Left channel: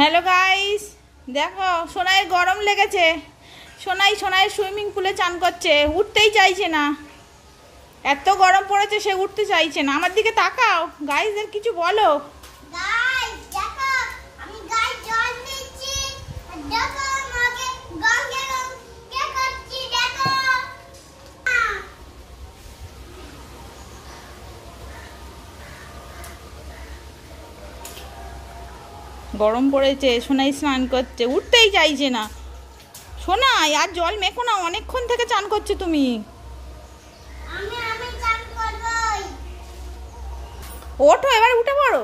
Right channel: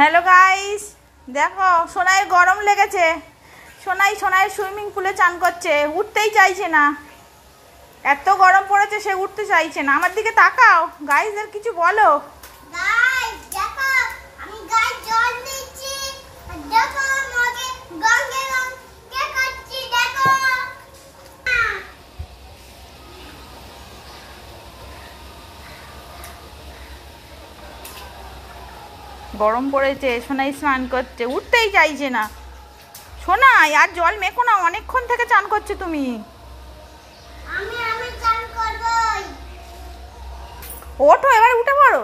Hello guys, দেখো সোনাই গরম লেগেছে। সোনাই সুইমিং পুলে চান করছে, উঠতেই চাইছে না। এত গরম পড়েছে, সে উঠতে চাইছে না। আমার দিকে তাকাও গাইসদের কিছু বলো। গাইস দেখো, আমি গায়ে জল দিচ্ছি। দেখো আমাকে গঙ্গে কে করছি দেখো। গরম পড়েছে, সোনাই স্নান করছে, উঠতেই চাইছে না। সোনাই আর জল মেখো না, অনেকক্ষণ থেকে চান করছে তুমি। আমি চান করবই। ওঠো, এবার উঠে পড়ো।